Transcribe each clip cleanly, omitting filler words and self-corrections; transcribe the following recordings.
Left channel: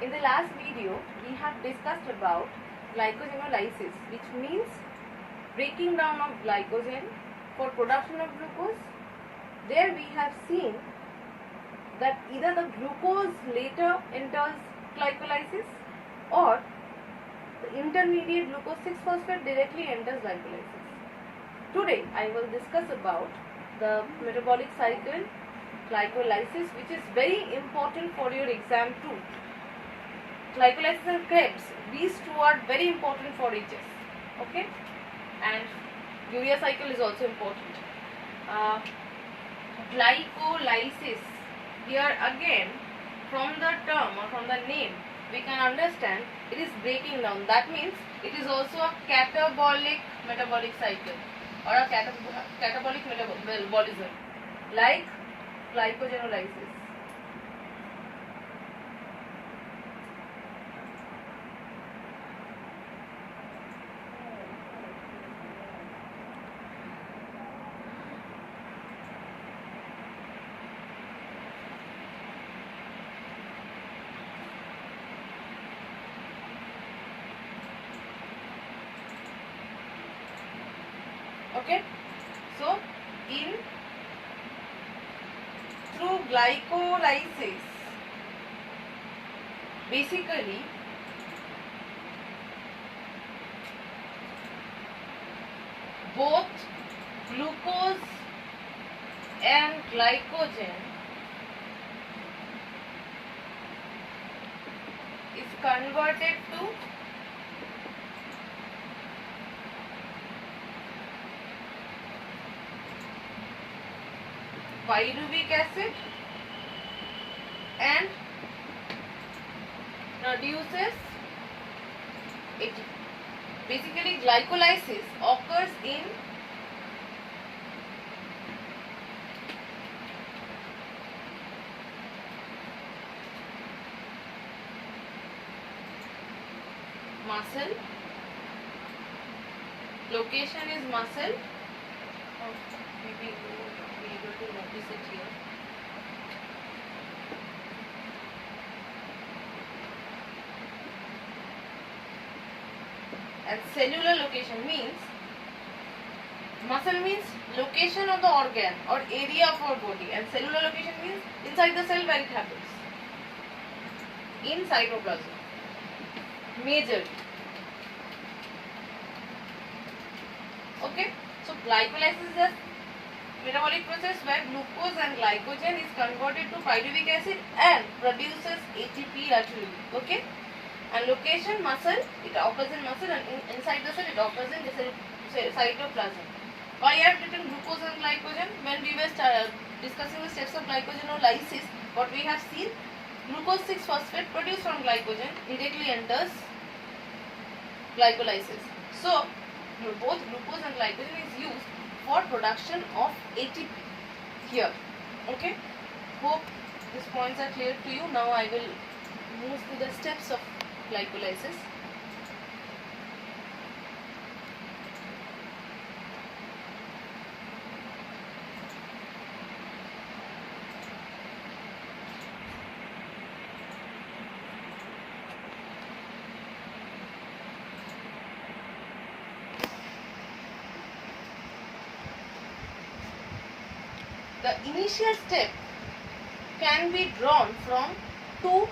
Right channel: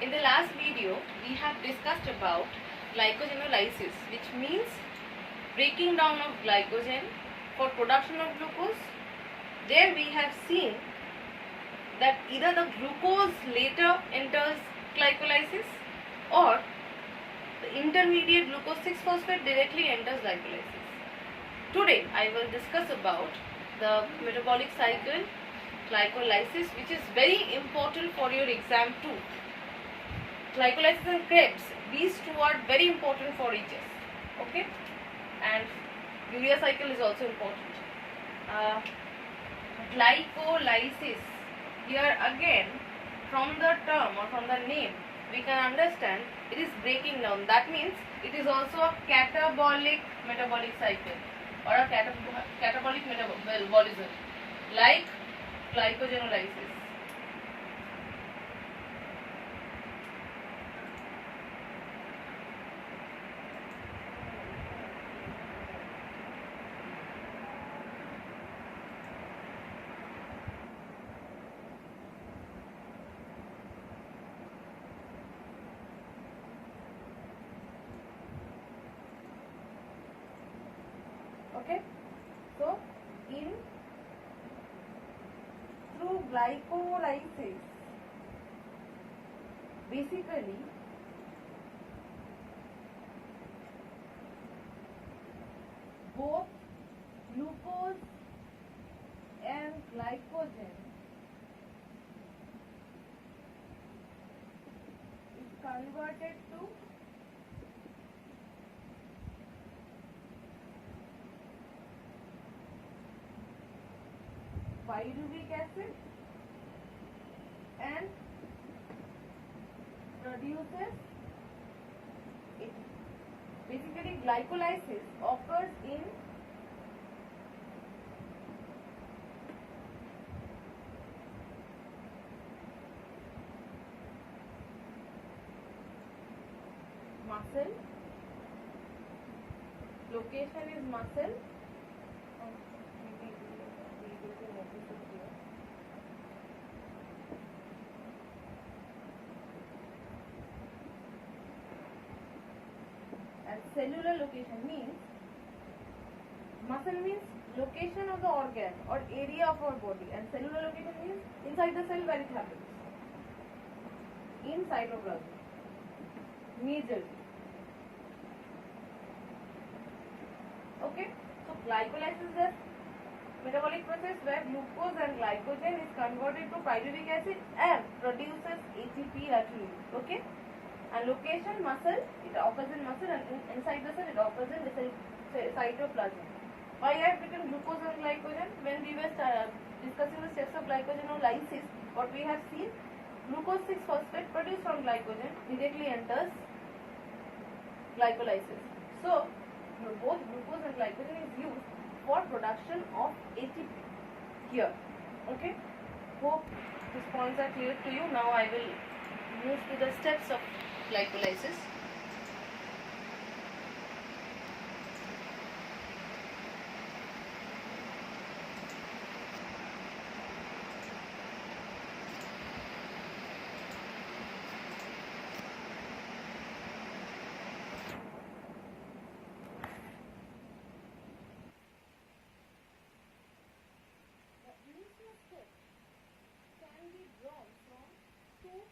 In the last video, we have discussed about glycogenolysis, which means breaking down of glycogen for production of glucose. There we have seen that either the glucose later enters glycolysis or the intermediate glucose 6-phosphate directly enters glycolysis. Today I will discuss about the metabolic cycle, glycolysis, which is very important for your exam too. Glycolysis and Krebs, these two are very important for HS, okay, and urea cycle is also important. Glycolysis, here again from the term or from the name we can understand it is breaking down. That means it is also a catabolic metabolic cycle or a catabolic metabolism like glycogenolysis. Okay, so through glycolysis, basically both glucose and glycogen is converted to pyruvic acid and produces ATP. Basically, glycolysis occurs in muscle. Location is muscle. Maybe you will be able to notice it here. And cellular location means, muscle means location of the organ or area of our body, and cellular location means inside the cell where it happens, in cytoplasm majorly. Okay, so glycolysis is a metabolic process where glucose and glycogen is converted to pyruvic acid and produces ATP naturally. Okay, and location muscle, it occurs in muscle, and inside the cell it occurs in the cytoplasm. Why I have written glucose and glycogen? When we were discussing the steps of glycogenolysis, what we have seen, glucose 6-phosphate produced from glycogen directly enters glycolysis. So both glucose and glycogen is used for production of ATP here. Okay, hope these points are clear to you. Now I will move to the steps of glycolysis. The initial step can be drawn from two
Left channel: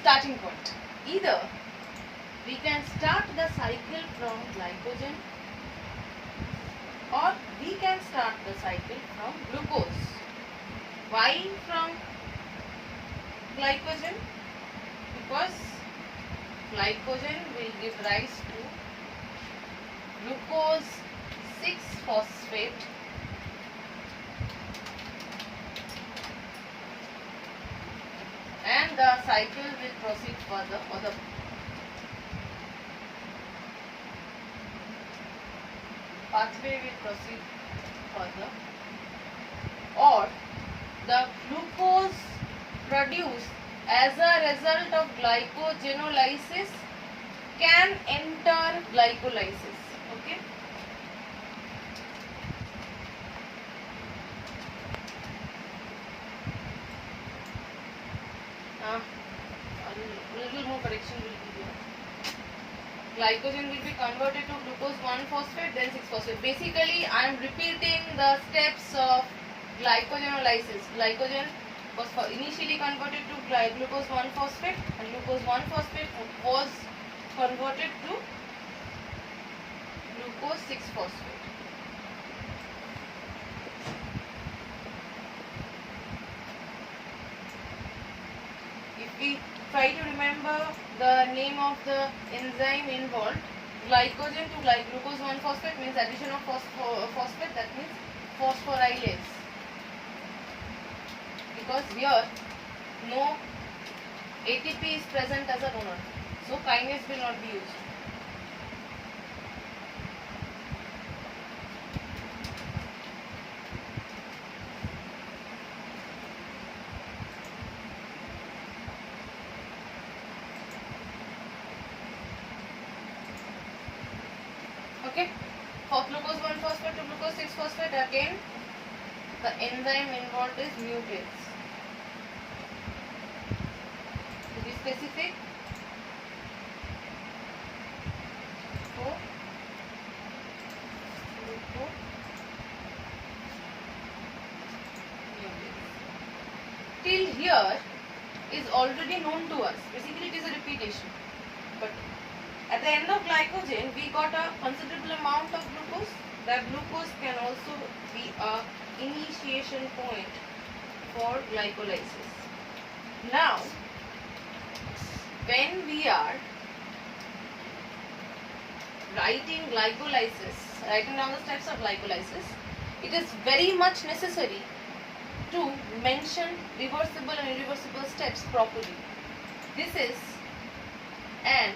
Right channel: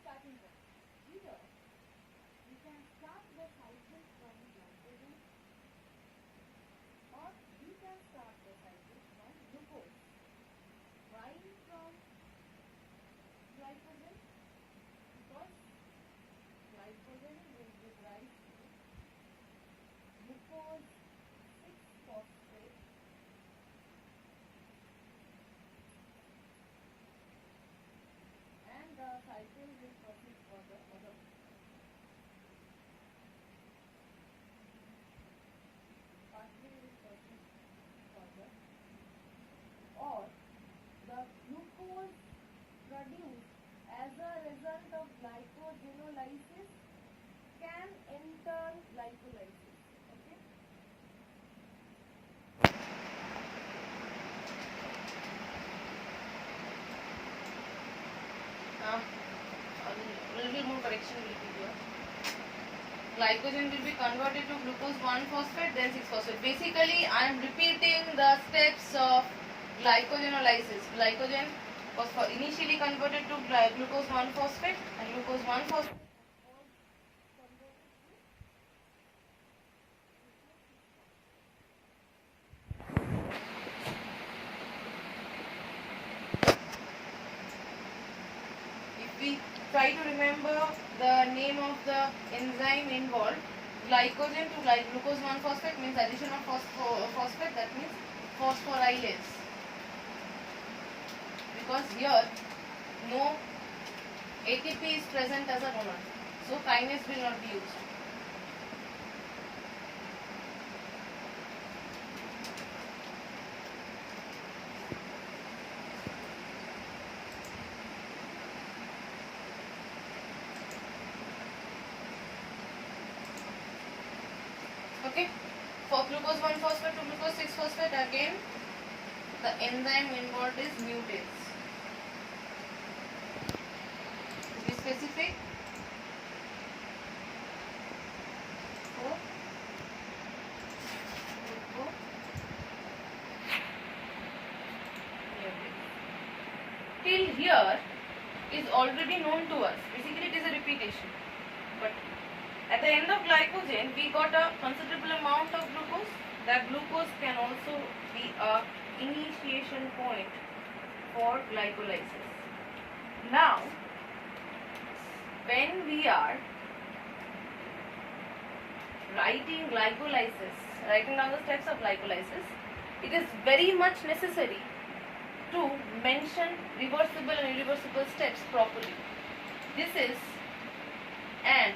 starting points. Either we can start the cycle from glycogen or we can start the cycle from glucose. Why from glycogen? Because glycogen will give rise to glucose 6-phosphate and the cycle will proceed further, or the pathway will proceed further, or the glucose produced as a result of glycogenolysis can enter glycolysis. Okay. little more correction will be here. Glycogen will be converted to glucose 1-phosphate, then 6-phosphate. Basically, I am repeating the steps of glycogenolysis. Glycogen was initially converted to glucose 1-phosphate, and glucose 1-phosphate was converted to glucose 6-phosphate. If we try to remember the name of the enzyme involved, glycogen to glucose 1-phosphate means addition of phosphate, that means phosphorylase. Because here no ATP is present as a donor, so kinase will not be used. Okay, for glucose 1-phosphate to glucose 6-phosphate, again the enzyme involved is mutase. To be specific, till here is already known to us. Basically, it is a repetition. But at the end of glycogen, we got a considerable amount of glucose. That glucose can also be a initiation point for glycolysis. Now, when we are writing down the steps of glycolysis, it is very much necessary to mention reversible and irreversible steps properly. This is an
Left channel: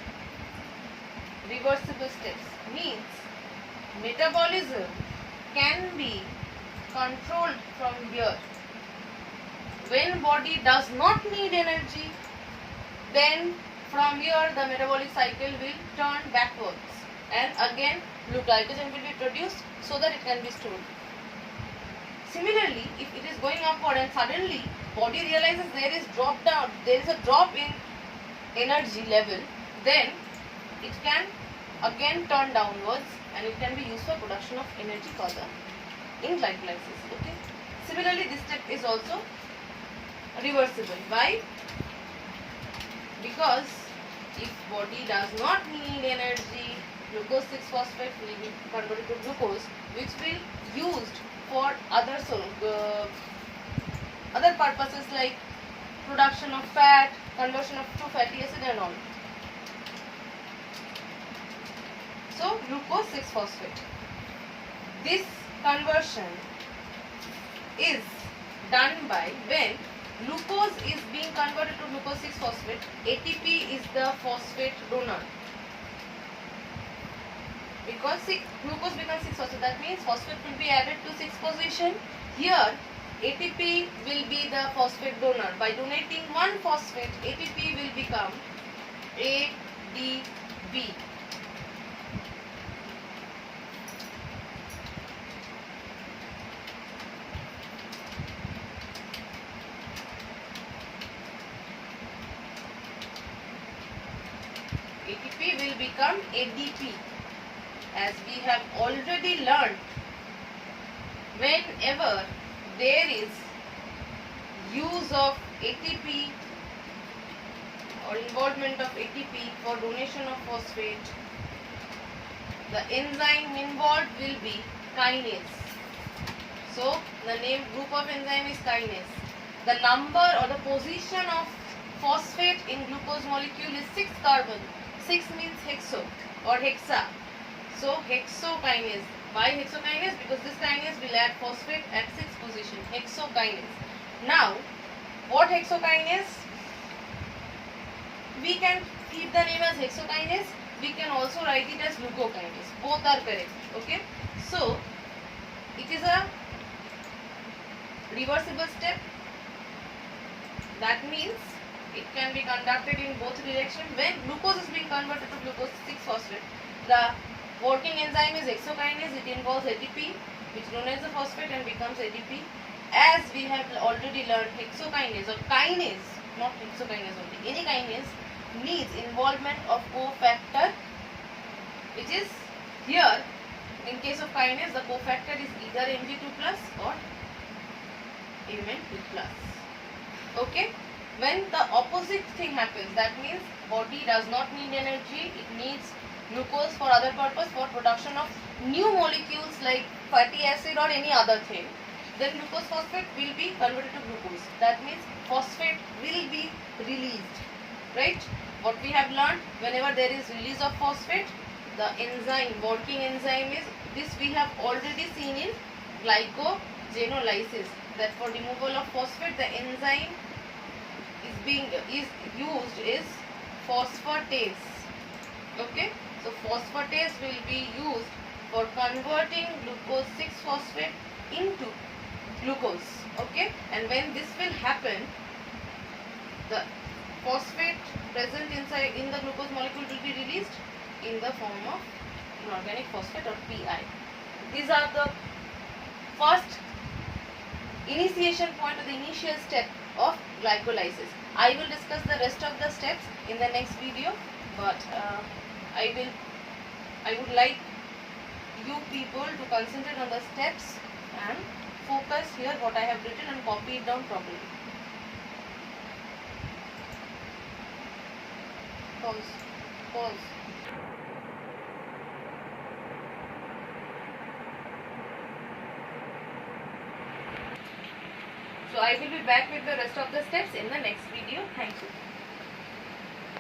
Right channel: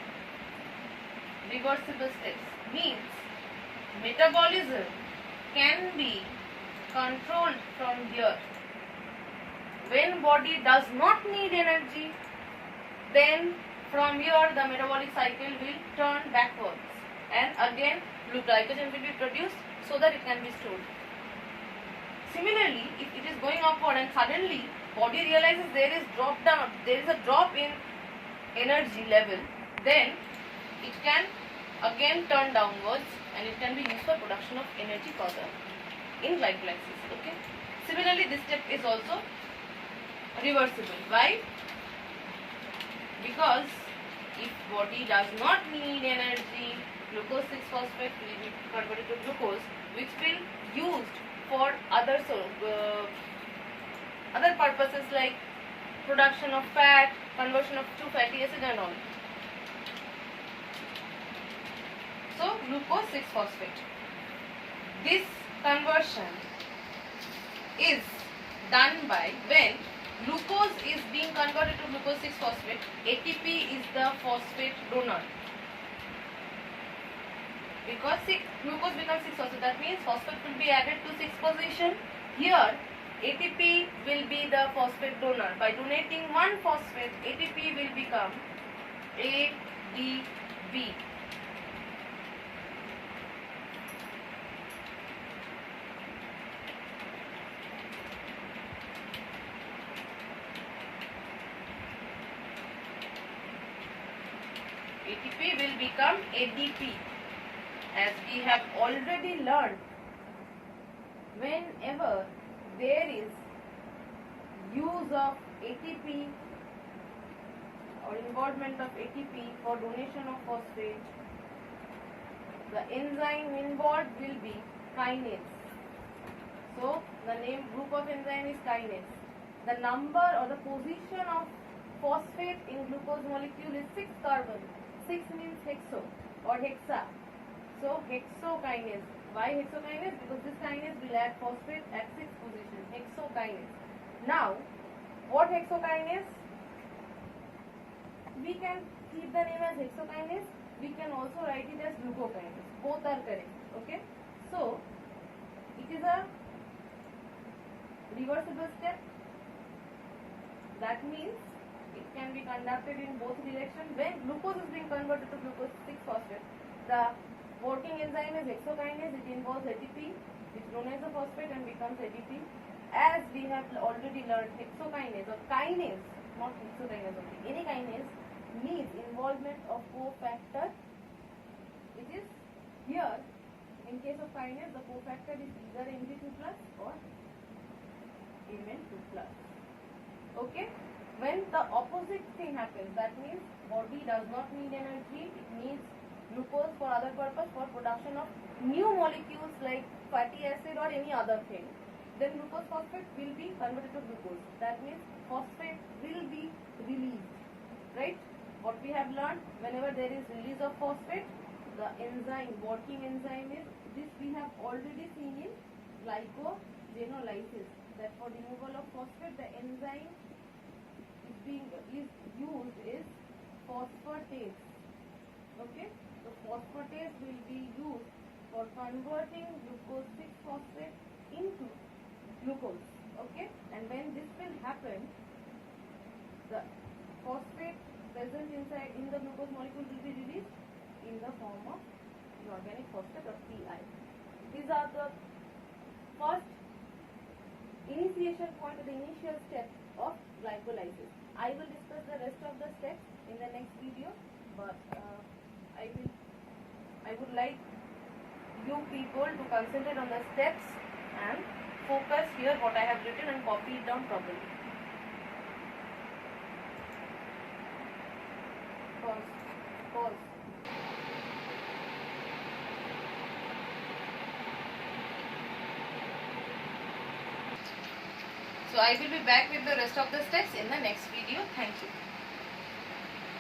reversible steps, means metabolism can be controlled from here. When body does not need energy, then from here the metabolic cycle will turn backwards, and again glycogen will be produced so that it can be stored. Similarly, if it is going upward and suddenly body realizes there is a drop in energy level, then it can again turn downwards and it can be used for production of energy further in glycolysis. Okay. Similarly, this step is also reversible. Why? Because if body does not need energy, glucose 6-phosphate will be converted to glucose, which will be used for other purposes like production of fat, conversion of to fatty acid and all. So glucose 6-phosphate. This conversion is done by when glucose is being converted to glucose 6-phosphate. ATP is the phosphate donor. Because glucose becomes 6-phosphate, that means phosphate will be added to 6th position. Here ATP will be the phosphate donor. By donating 1 phosphate, ATP will become ADP. ATP will become ADP. As we have already learned, whenever there is use of ATP or involvement of ATP for donation of phosphate, the enzyme involved will be kinase. So the name group of enzyme is kinase. The number or the position of phosphate in glucose molecule is 6 carbon. 6 means hexo or hexa. So hexokinase. Why hexokinase? Because this kinase will add phosphate at 6th position. Hexokinase. Now, what hexokinase? We can keep the name as hexokinase. We can also write it as glucokinase. Both are correct. Okay. So, it is a reversible step. That means it can be conducted in both directions. When glucose is being converted to glucose 6-phosphate, the working enzyme is hexokinase. It involves ATP, which donates the phosphate and becomes ADP. As we have already learned, hexokinase or kinase, not hexokinase only, any kinase needs involvement of cofactor, which is here in case of kinase the cofactor is either Mg2 plus or Mn2 plus. Okay, when the opposite thing happens, that means body does not need energy, it needs glucose for other purpose, for production of new molecules like fatty acid or any other thing, then glucose phosphate will be converted to glucose. That means phosphate will be released, right? What we have learned, whenever there is release of phosphate, the enzyme, working enzyme is this. We have already seen in glycogenolysis that for removal of phosphate the enzyme is used is phosphatase. Okay, so phosphatase will be used for converting glucose 6-phosphate into glucose. Okay, and when this will happen, the phosphate present inside in the glucose molecule will be released in the form of inorganic phosphate or Pi. These are the first initiation point or the initial step of glycolysis. I will discuss the rest of the steps in the next video, but I would like you people to concentrate on the steps and focus here what I have written and copy it down properly. Pause. So I will be back with the rest of the steps in the next video. Thank you.